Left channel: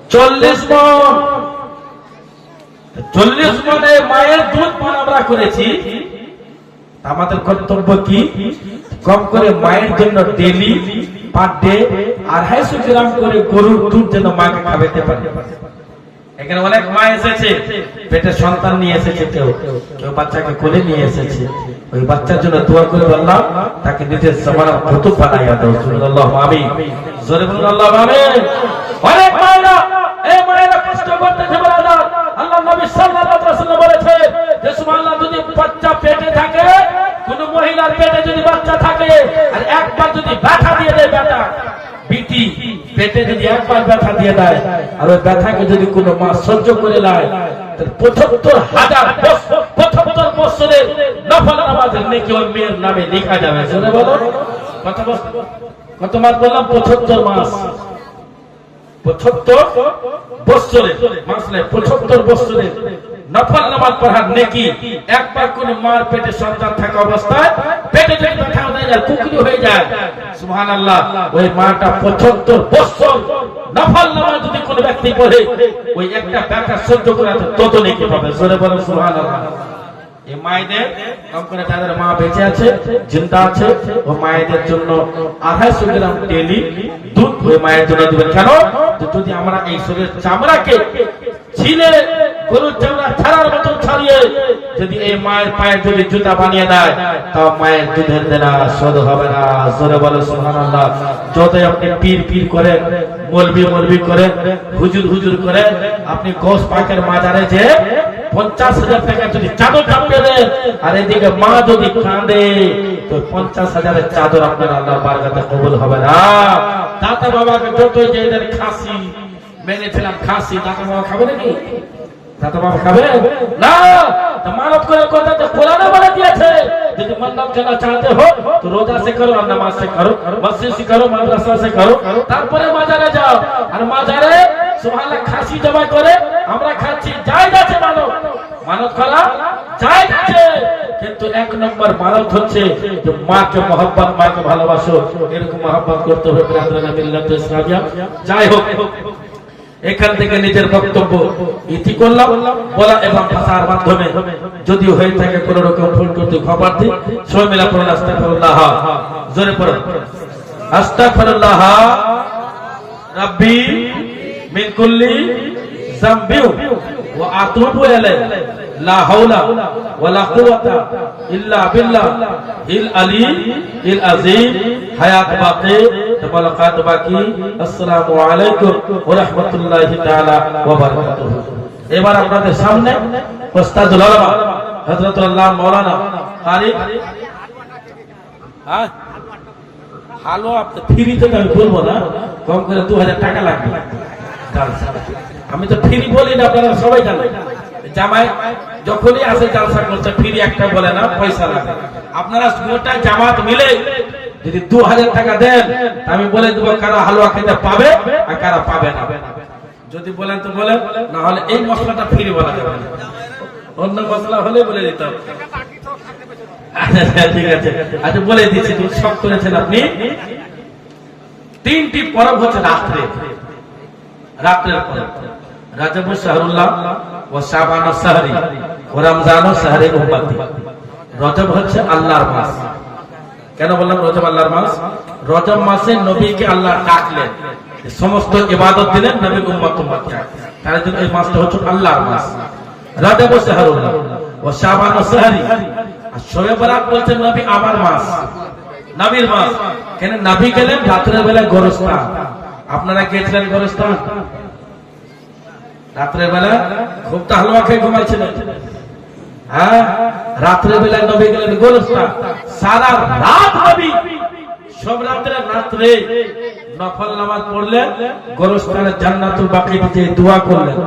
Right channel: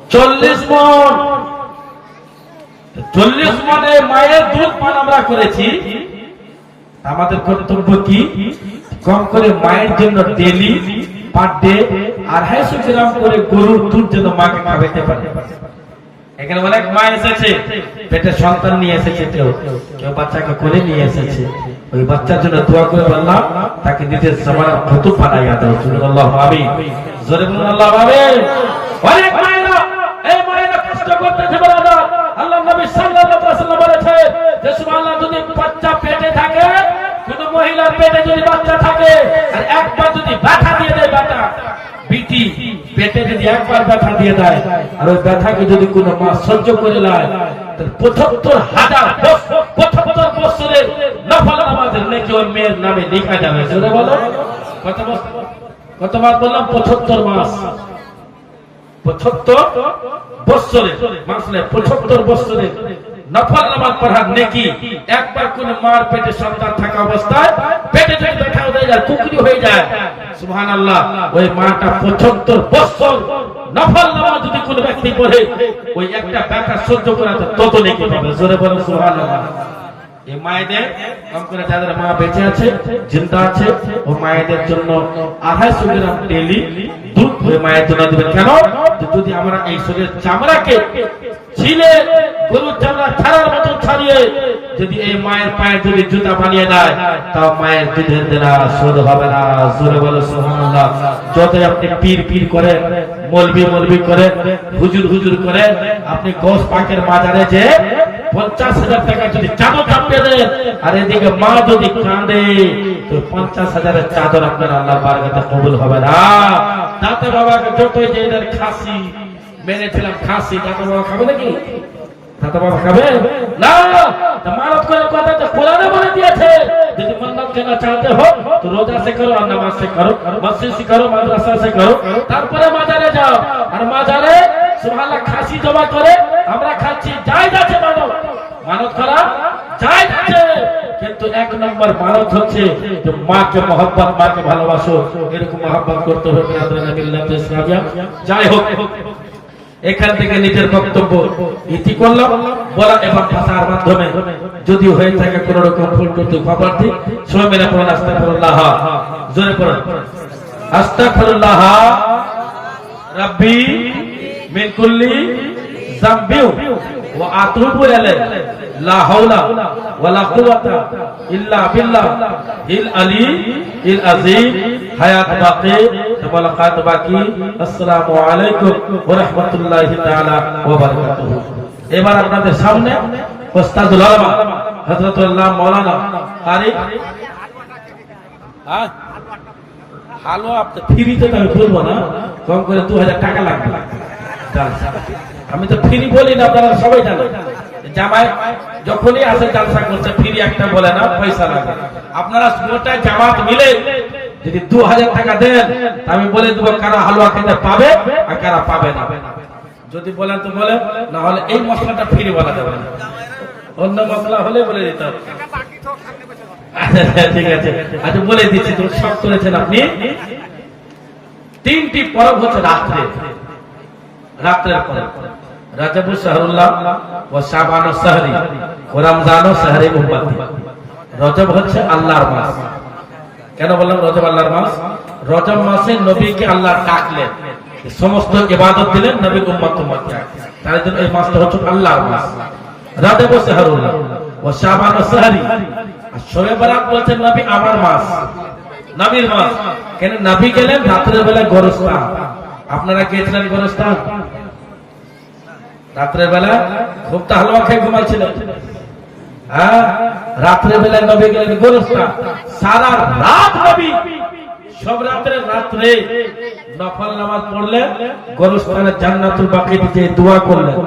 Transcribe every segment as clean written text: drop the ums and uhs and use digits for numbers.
40 মণ। 40 মণে মায়ের দুধ পান আমরা করেছি। আমাদের কর্তব্য কি? কম করে মায়ের জন্য ডেলি পার ডে 250 গ্রাম করে গরুর দুধ যেন মাকে খাওয়াতে পারে। এখানে অনেক মা এসেছে, পেটে সন্তান নিয়ে এসেছে, কেউ কেউ বাচ্চাকে কোলে নিয়ে এসেছে। ওই বাচ্চার জন্য দোয়া করে বললাম তাকে নিজের জামানার কুতুব বানাইয়া দাও। আল্লাহু আমিন। জোরে বলুন আল্লাহু আমিন। অনেক মায়েরা, এই মায়েরা কষ্ট করতেছে বলাদা। আল্লাহ নবী সাল্লাল্লাহু আলাইহি ওয়াসাল্লাম বলেছে যে সুবহানাল্লাহ, যদি বাচ্চা পেটে থাকে, কোন মহিলার পেটে যদি বাচ্চা থাকে আর একবার যদি ব্যথা দিয়ে দেয়, ব্যথা বিটি পেটে যদি একবার ব্যথা দিয়ে দেয় আর ওই ব্যথাকে যদি কোনো মা সহ্য করে নেয়, তাহলে 75,000 বছরের নফল নামাজের নেকি ওই মেয়ের নামে লেখা যাবে। শুনে বলো কত মাস বললাম? 75 মাস। 75 বছরের মাসলে 75 বছরের নফল নামাজ পড়ার নেকি একবার কোন মার পেটে সন্তান থাকা অবস্থায় পেটে যদি ব্যথা হয়ে যায়, কুকরি হয়ে যায়, সুবহানাল্লাহ, ওই মাটা 75 বছর নফল নামাজ যদি কোন ব্যক্তি পড়ে, ওই একটা ব্যথা সহ্য করে তত নেকি পাবে। জোরে বলো সুবহানাল্লাহ। এই মায়েদের কম করে যাদের মা বেঁচে আছে, জিন্দা আছে, ও মায়েদের জন্য 250 গ্রাম ডেইলি দুধ ওই মায়ের জন্য দিবেন। কেন? যদি আমরা এই শরীরের চামড়াকে ছিলে গরুর চামড়া ছাড়ার মতো ছাড়িয়ে যদি এই মায়ের পায়ের যদি জুতা বানিয়ে দেয়, তাও মায়ের দুধের দেনা শোধ হবে না। জোরে বলো সুবহানাল্লাহ। যতই আপনি পীর পীর করেন, মলবি করেন, হুজুর করেন, আপনি গৌস পাকের মাজারে যে 50,000 টাকা যদি চাদর চাপিয়ে দেন আর এদিকে মা যদি কাঁদে, তো 50,000-এর চাদর আপনার আল্লাহর বারগাতে কবুল হবে না। দাতা বাবাকে যতই যে এদের খাসি মেরেছিলাম, খাসি দাতা বাবা খাবে নাকি? দাতা বাবা খাবে না। মানত করে কথা যে কোরআনে বলে দিয়েছে, যদি মন্নত কেনা চাহতে हो तो रोजा से करो और नमाज से करो, मस्जिद से करो, মাদ্রাসা से करो, তারপরে মাজারে যাও। আর মাজারে সুবহানাল্লাহ খাসি জবাই করে আমরা খাচ্ছি, জায়েজ আছে। মানত করা জায়েজ আছে, কিন্তু এক নম্বর মানত হচ্ছে যে মাকে মহব্বত, মাকে ভালোবাসো, এরকম মহব্বত করতে হবে। ব্রাদারান মিল্লাত ইসলামিয়া। যাই হোক, এখান থেকে নিজের বক্তব্য ইতি করলাম বলা এবং ভাষার মাধ্যমে যদি হয়ে থাকে কোন রকম ভুল ত্রুটি খবর দিই। সবাই মিলে পড়ুন আস্তাগফিরুল্লাহ। জোরে পড়ুন আস্তাগফিরুল্লাহ রাব্বি মিন কুল্লি যামবিন ওয়া আতুবু ইলাইহি লা হাওলা ওয়ালা কুওয়াতা ইল্লা বিল্লাহ ইল আলী ইল আযীম। হায়াত বাকি, মুলাকাত বাকি। আসসালামু আলাইকুম ওয়া রাহমাতুল্লাহি তাআলা ওয়া বারাকাতুহু। এবার আপনাদের সামনে উস্তাদুল উলামা হযরতুল্লাহ মাওলানা কারি হালুয়া আপনি ফ্রিতে তো আমি বলবো না, কম করে 2000 টাকা লাগবে। আমি তো ফ্রি বলি না, আপনারা সবাই জানেন। জামাই যখনই আসে জালসা করতে ফ্রি একটা বলে না, পয়সা লাগে। আপনারা গোটা জামাত মিলে যদি 2000 টাকা দেন, আমি বলে দেবো কারা হালুয়া খেতে পাবে আর কারা পাবে না। যদি বলেন তো বলেন, না হলে এই মশলাটা ফ্রি বলা যাবে না, অন্য মশলা হলে বলে দিতে হবে। ঠিক আছে, আচ্ছা বলে দিচ্ছি। তুমি সব করেছেন আপনি। 3টি পরব হচ্ছে রাত্রের পরব। রাজাবুল শাহরুল্লাহ ও শাবান শাহরি ও রমজান শাহরি উম্মতি। রজব হচ্ছে আল্লাহর মাস। কেন বললাম রজব আল্লাহর মাস? রজব মাসে নবীকে আল্লাহ ডাকলেন, সমস্ত ইবাদত দিলেন নবীর উম্মতকে। তার জন্য এই মাসটা হচ্ছে আল্লাহর মাস। রাজাবুল শাহরুল্লাহ ও শাবান শাহরি। আর শবে বরাত বলছেন নবী আমার মাস, নবীর মাস। কেন? নবী গেলেন রাত্রের বেলায় গোরস্থান। আপনারা গিয়েছিলেন গোরস্থান? রাত্রের বেলা খুব তো হালুয়া খেয়ে ঘুমাইছিলেন। হ্যাঁ, রাত্রের বেলা নবী গেলেন গোরস্থান। সারা রাত নবী সব রাত্রে নফল নামাজ পড়লেন, গোরস্থানে জান্নাতুল বাকিতে যে দোয়া করলেন।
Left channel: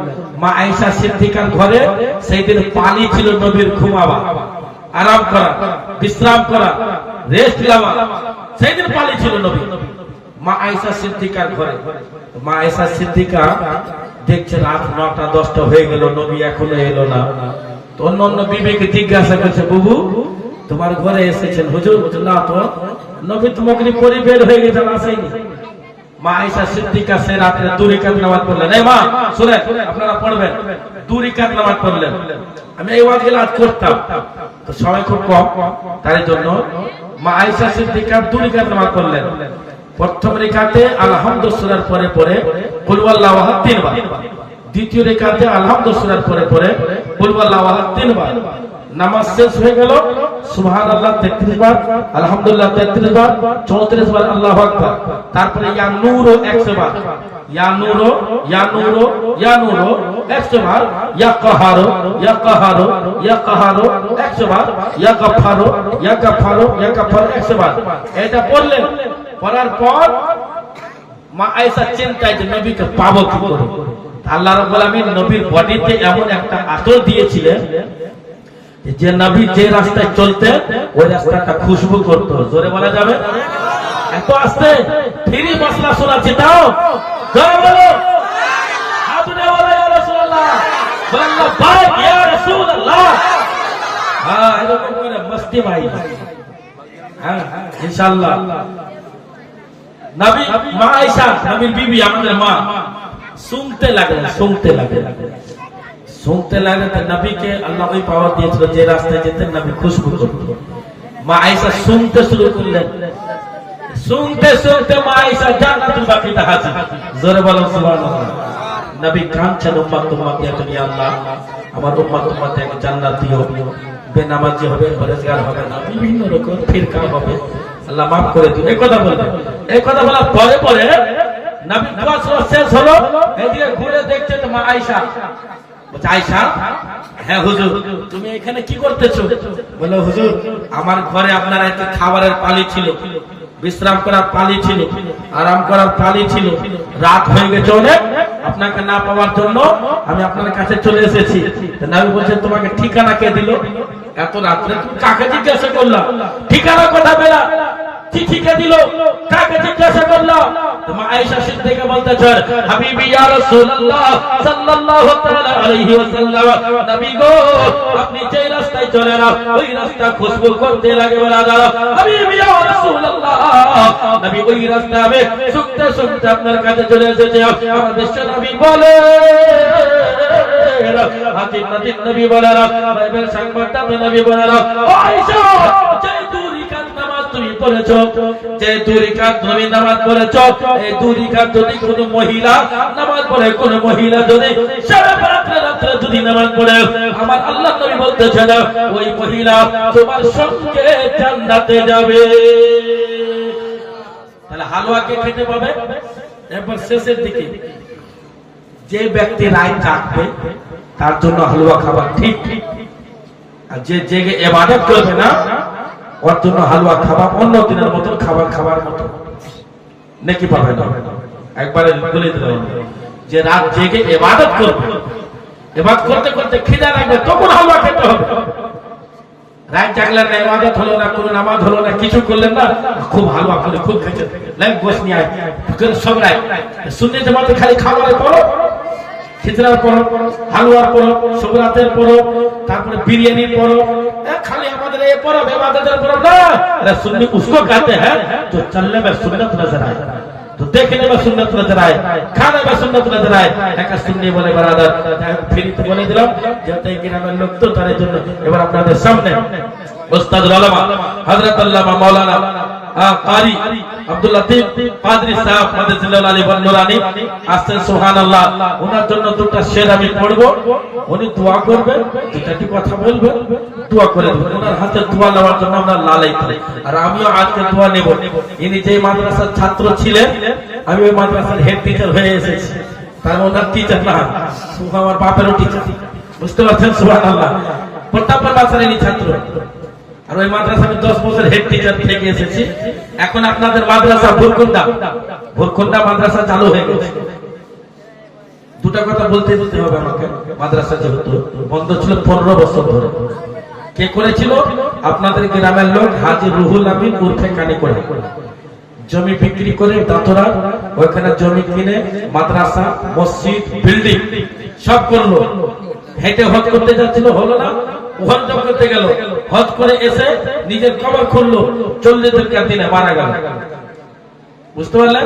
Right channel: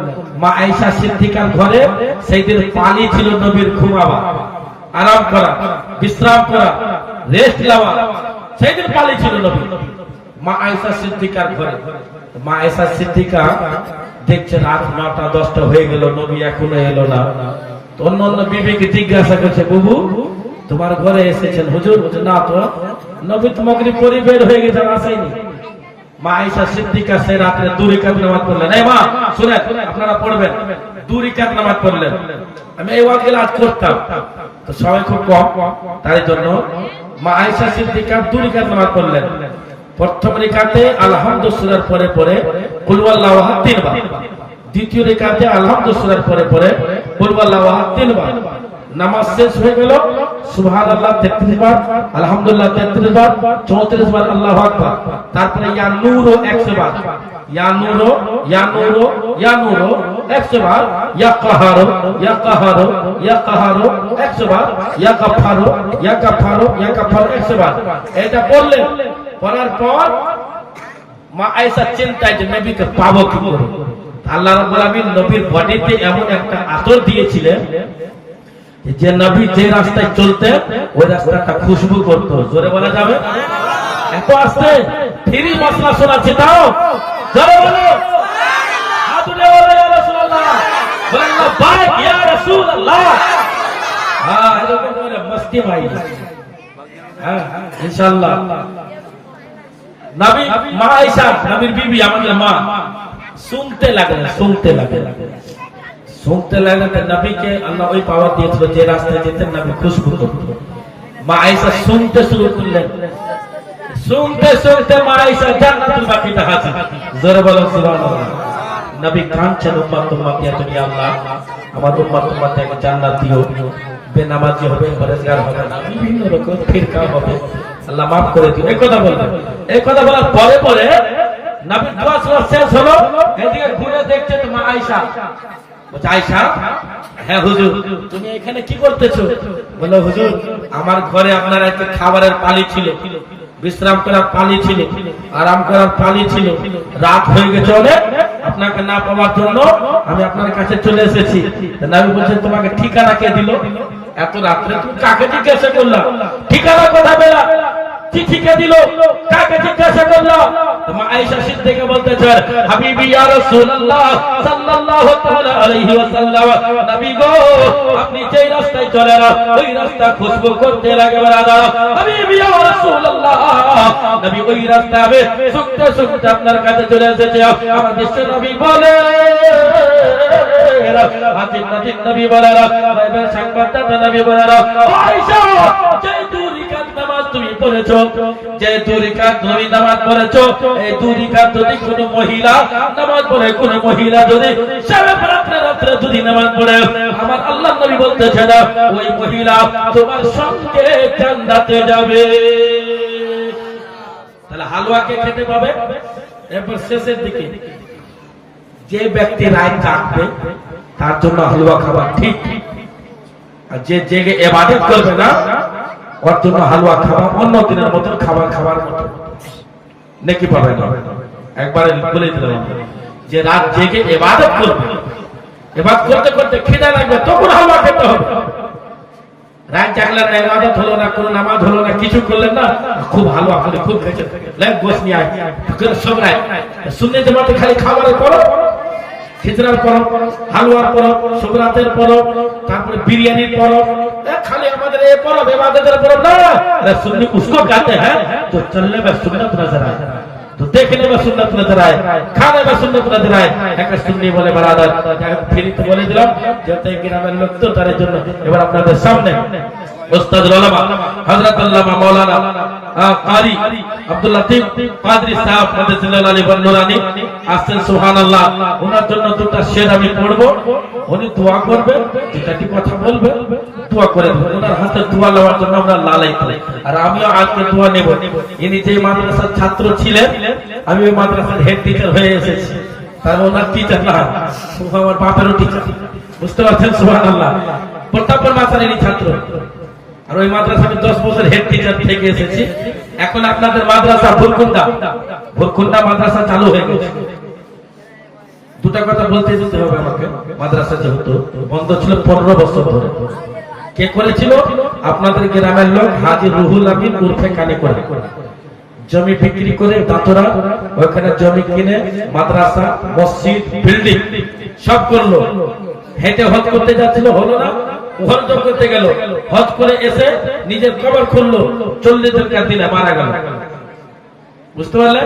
মা আয়েশা সিদ্দিকার ঘরে সেই দিন পানি ছিল নবীর ঘুমাবা, আরাম করা, বিশ্রাম করা, রেস্ট নেওয়া। সেই দিন পানি ছিল নবী মা আয়েশা সিদ্দিকার ঘরে। মা আয়েশা সিদ্দিকা দেখছেন রাত 9টা 10টা হয়ে গেল, নবী এখনো এলো না। তো অন্য বিবিকে জিজ্ঞাসা করছে, বুবু তোমার ঘরে এসেছেন হুজুর? বলছে না তো, নবী তোমাকে পরে বের হয়ে গেছেন, আসেনি। মা আয়েশা সিদ্দিকা সে রাতে 2 রাকাত নামাজ পড়লেন। এই মা শুনেন, আপনারা পড়বেন, 2 রাকাত নামাজ পড়লেন। আমি এই ওয়াজগুলো আজ করতাম, তো সবাই খুব কম, তাই জন্য মা আয়েশা সিদ্দিকা 2 রাকাত নামাজ পড়লেন। প্রথম রাকাতে আলহামদু সূরার পরে পরে কুল ওয়াল্লাহু আহাদ 3 বার, দ্বিতীয় রাকাতে আলহামদু সূরার পরে পরে কুল ওয়াল্লাহু আহাদ 3 বার। নামাজ শেষ হয়ে গেল, সুবহানাল্লাহ 33 বার, আলহামদুলিল্লাহ 33 বার, 34 বার আল্লাহু আকবার। তারপরে ইয়া নূরো 100 বার, ইয়া নূরো ইয়া নূরো ইয়া নূরো 100 বার, ইয়া কাহারো ইয়া কাহারো ইয়া কাহারো 100 বার, ইয়া গাফারো ইয়া গাফারো ইয়া গাফারো 100 বার। এটা পড়লেন। পড়ার পর মা আয়েশা চিন্তায় যে নবীকে পাবো কি করে। আল্লাহ রাব্বুল আলামিন নবীর বডিতে এমন একটা আতর দিয়েছিলেন যে নবী যে রাস্তায় চলতে ওই রাস্তাটা খুশবু করতো। জোরে বলা যাবে? এত আস্তে ফ্রি মশলা শোনাচ্ছে, তাও জোরে বলো। আপনি বলো ইয়া রাসূলুল্লাহ, আল্লাহ বারাক ইয়া রাসূলুল্লাহ। হ্যাঁ, এরকম করে মস্তি ভাই। হ্যাঁ ইনশাআল্লাহ। নবী মা আয়েশা নবীর বিবি, আমাদের মা, শুনতে লাগলেন, শুনতে লাগলেন, শুনতে লাগলেন। নবীকে আল্লাহ ওই পাওয়ার দিয়েছিল যে রাস্তায় যেতেন নবী খুশবু করতেন। মা আয়েশা শুনতে শুরু করলেন। শুনতে শুনতে মা আয়েশা জান্নাতুল বাকিতে হাজির। জোরে বলো সুবহানাল্লাহ। নবী কাঁদছেন, উম্মত উম্মত ইয়া তুমি আল্লাহ আমার উম্মত উম্মতে এক জান্নাত দিও, বেনামাজি হবে, পরেজগার হবে না, বিভিন্ন রকম ফিরকা হবে, আল্লাহ মাফ করে দিও। এই কথা বললেন। এই কথা বলার পরে পরে নবী দোয়া শেষ হলো, এদিকে ঘুরে দেখছেন মা আয়েশা। বলছে আয়েশা, হ্যাঁ হুজুর তুমি এখানে কি করতেছো? বললো হুজুর আমার ঘরে আপনার একটা খাবারের পালি ছিল, বিশ্রাম করার পালি ছিল, আরাম করার পালি ছিল, রাত হয়ে গেছে অনেক, আপনাকে না পাওয়ার জন্য আমি আপনার কাছে চলে এসেছি। নবী বলছেন তোমাকে ঠিকানা কে দিল? এত রাত্রে তুমি কাকে জিজ্ঞাসা করলা? ঠিকানা কথা বেলা চিঠি কে দিল? কাকে জিজ্ঞাসা করলা? মা আয়েশা সিদ্দিকা বলতেছেন হাবিবি ইয়া রাসূলুল্লাহ সাল্লাল্লাহু তাআলা আলাইহি ওয়াসাল্লাম, নবী গো আপনি যে রাস্তায় চলেন ওই রাস্তা খুশবু করতে লাগে বারাদার। হাবিবি ইয়া রাসূলুল্লাহ, নবী ওই রাস্তায় সুখতে সুখতে আপনার কাছে চলে এসেছে। আমার বিশ্ব নবী বলে হাজির নাজির নবী বলে বাইবেল সংবাদদাতা নবী বলে আয়েশা যে 2 রাকাত নামাজ তুমি পড়েছো, যে 2 রাকাত তুমি নামাজ পড়েছো, এই 2 রাকাত যদি কোনো মহিলা নামাজ পড়ে, কোন মহিলা যদি সারা রাত্রে যদি নামাজ পড়ে, আমার আল্লাহ নবী বলতেছেন ওই মহিলা তোমার সঙ্গে জান্নাতে যাবে। তাহলে হালুয়াকে খেতে পাবে। এরপর শেষের দিকে যে ব্যক্তি রাত জাগবে তার জন্য হালুয়া খাবার ঠিক, আর যে জেগে ইবাদত করবে না ওর জন্য হালুয়া খাওয়া অন্য দিনের মতন খাবার খাওয়ার মতো নেকি পাবে না। একবারে বলে দিলাম যে রাত জেগে ইবাদত করবে, ইবাদত করতে করতে খিদা লাগবে তখন হালুয়া খেতে হবে। রাত জাগলেন না, ইবাদত হলো না, কোনো নামাজ হলো না, কিছু করলেন না, খুব হালুয়া করে খুব খেতে লাগ গোশ নিয়ে আয় সব রায় শুনে তোমাদের খালি খাবারের পর খিচড়ার পর, হালুয়ার পর, শুকরাতের পর, তারপরে বিরিয়ানির পর, खाली हमारे ये पर्व इबादत पर्व ना, सुन्नी उसको कहते हैं जो चलने में सुन्नत नजर आए, तो देखने में सुन्नत नजर आए, खाने में सुन्नत नजर आए। एक सुन्नी बोले बरादर फिर तो बोले दिलाम जाते हैं कि नाम लोग तो तारे जन्नत এবার আপনাদের সামনে উস্তাদ উলামা হযরত আল্লামা মাওলানা কারি আব্দুল লতিফ কাদরি সাহেব মাদাজিল্লাহ আলী বন্নুরানি আসছেন। সুবহানাল্লাহ। ওনার জন্য দুটো শের আমি পড়ব, উনি দোয়া করবেন, দুটি কথা বলবেন, দোয়া করে দেবেন। ওনার হাতে দোয়া নেওয়ার জন্য আমরা লালাইতে, আর আমিও আজকে দোয়া নেব। ইনি যে মাদ্রাসার ছাত্র ছিলেন, আমি ওই মাদ্রাসার হেড টিচার হয়ে এসেছি, তার ওনার টিচার না, আমার বাপেরও টিচার, বুঝতে পারছেন? সুবহানাল্লাহ। প্রতাপপুর মাদ্রাসার ছাত্র, আর ওই মাদ্রাসা আমি 10 বছর হেড টিচার থেকে এসেছি। এখন আপনাদের মাদ্রাসা ভুরকুন্ডা মাদ্রাসা চালু হয়ে গেছে। দুটা কথা বলতে হবে আমাকে। মাদ্রাসা যেহেতু বন্ধ ছিল 15 বছর ধরে, কে করেছিল? আপনাদের গ্রামের লোক হাজী রুহুল আমিন উর্ফে কানে করে জমি বিক্রি করে দাতরা ওখানে জমি কিনে মাদ্রাসা, মসজিদ, বিল্ডিং সব করলো। হেঁটে হজ করতে যাচ্ছিল, হলো না, হজ করতে গেল, হজ করে এসে নিজের কবর খুললো, 40 দিনের দিনে মারা গেল। বুঝতে পারলেন?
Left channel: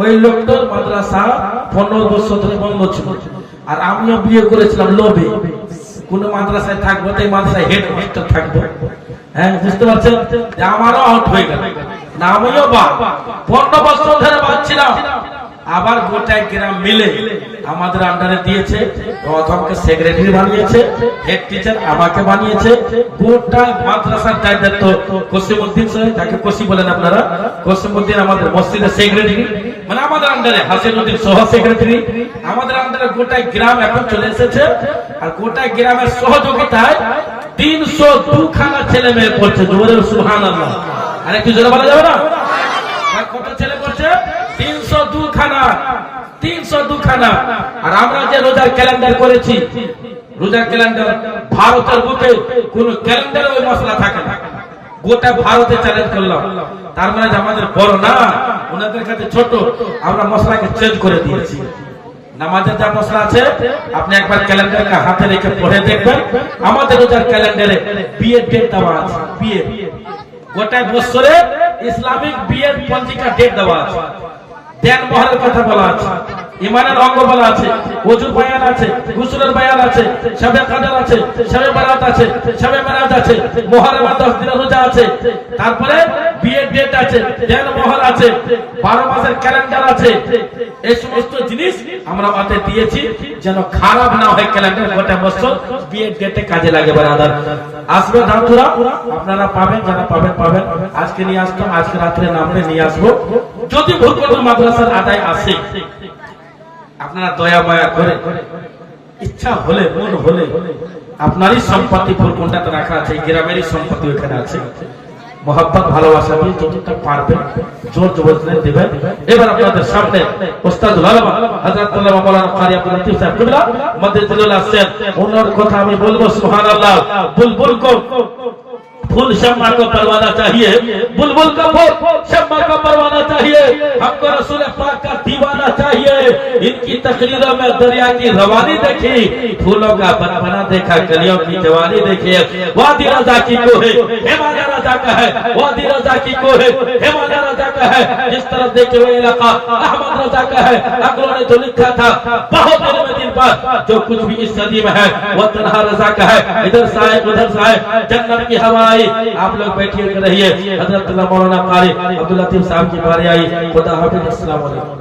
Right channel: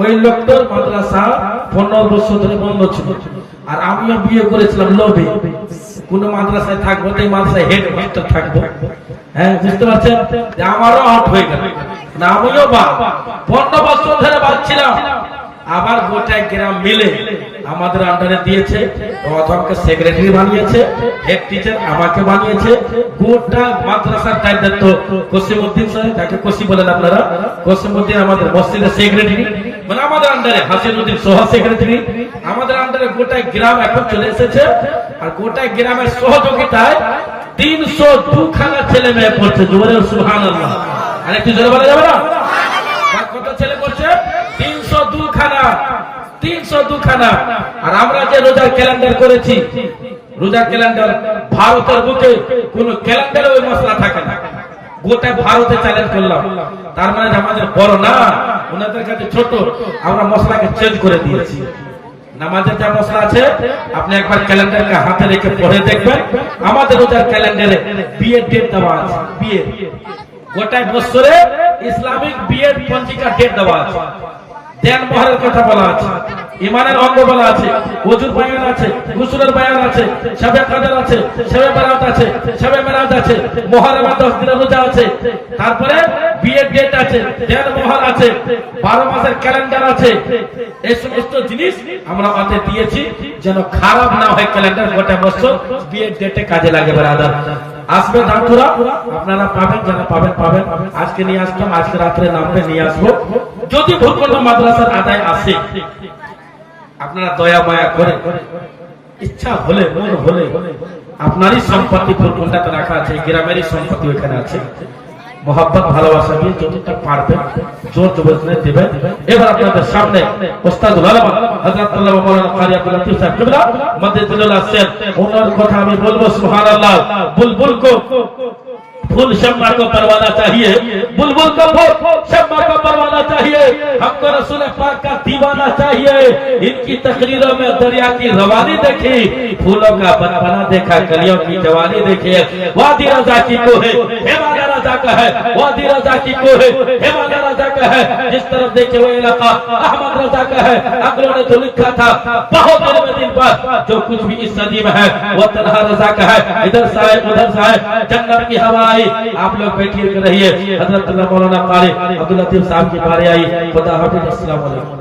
ওই লোকটার মাদ্রাসা 15 বছর ধরে বন্ধ ছিল। আর আমিও বিয়ে করেছিলাম লোভে, কোন মাদ্রাসায় থাকবো, এই মাদ্রাসায় হেড মাস্টার থাকবো। হ্যাঁ, বুঝতে পারছেন, আমারও আউট হয়ে গেল না, আমিও 15 বছর ধরে বাঁচছিলাম। আবার গোটা গ্রাম মিলে আমাদের আন্ডারে দিয়েছে, প্রথমকে সেক্রেটারি বানিয়েছে, হেড টিচার আমাকে বানিয়েছে, গোটা মাদ্রাসার দায়িত্ব কসিমউদ্দিন সাহেব, তাকে কসি বলেন আপনারা, কসিমউদ্দিন আমাদের মসজিদের সেক্রেটারি, মানে আমাদের আন্ডারে হাসিনুদ্দিন সহ সেক্রেটারি, আমাদের আন্ডারে গোটা গ্রাম এখন চলে এসেছে। আর গোটা গ্রামের সহযোগিতায় 302 খানা ছেলে মেয়ে পড়ছে। জোরে সুবহানাল্লাহ, আর একটু জোরে বলা যাবে না? কত ছেলে পড়ছে? 302 খানা, 302 খানা। আর আমরা যে রোজার ক্যালেন্ডার করেছি, রোজার ক্যালেন্ডার ভারতের বুকে কোন ক্যালেন্ডারে ওই মশলা থাকে না, গোটা ভারতে চ্যালেঞ্জ করলাম। তার মানে আমাদের বড় না, ওনাদের কাছে ছোট, আমরা মশলাকে চেঞ্জ করে দিয়েছি। নামাজের যা মশলা আছে আপনি একবার ক্যালেন্ডারকে হাতে রেখে পড়ে দেখবেন, আমাদের রোজার ক্যালেন্ডারে বিয়ের ডেট দেওয়া আছে, বিয়ে গোটা বছরে ইসলামিক বিয়ের পঞ্জিকা ডেট দেওয়া আছে, দেন মহরের কথা বলা আছে, ইমানের অঙ্গ বলা আছে, ওযুর বয়ান আছে, গোসলের বয়ান আছে, শবে কদর আছে, শবে বরাত আছে, শবে মেরাজ আছে, মুহররমের 10 দিনের রোজা আছে, তারপরে বিয়ের ডেট আছে, দেন মহর আছে, 12 মাসের ক্যালেন্ডার আছে। এই সমস্ত জিনিস আমরা হাতে দিয়েছি যেন খারাপ না হয় ক্যালেন্ডার, গোটা বছর বিয়ের ডেটে কাজে লাগে। ব্রাদার আসবে দাঁতুরা, আপনারা পাবেন, যারা পাবেন পাবেন। আজকে নিয়ে আসলাম, আজকে রাত্রে নামবে নিয়ে আসবো। যদি ভুলকন্ড মাদ্রাসার আদায় আসে, আপনারা দয়া মায়া করে ইচ্ছা হলে, মন হলে, আপনারই সম্পত্তি ভুলকন্ডাতে রাখা আছে, গ্রামেরই সম্পত্তি ওখানে আছে, মোহাব্বত ভালোবাসা দিয়ে যতটা পারবেন জোর জবরদস্তি দিবেন। এবার আপনাদের সামনে ওস্তাদুল আলম হযরত আল্লামা মাওলানা কারি আব্দুল লতিফ সাহেব কিবলা মদদুল আসেন, ওনার কথা আমি বলবো। সুবহানাল্লাহ। বুলবুল को फूल शम्मा को परवाना चाहिए, बुलबुल को फूल शम्मा को परवाना चाहिए, हमको रसूल पाक का दीवाना चाहिए। इनकी तकरीरों में दरिया की रवानी देखी, फूलों का बनबना देखा, कलियों की जवानी देखी। वादी रजा की को है, हिमालय रजा का है, वादी रजा की को है, हिमालय रजा का है। जिस तरफ देखे वो इलाका अहमद रजा का है। अकलों ने तो लिखा था बहुत दिन बाद, जो कुछ भी इस सदी में है वो तन्हा रजा का है। इधर से आए उधर से आए, जन्नत की हवा आई। आप लोग बैठिए रहिए। हजरत मौलाना कारी अब्दुल लतीफ साहब की बारी आई। खुदा हाफिज। अस्सलाम वालेकुम।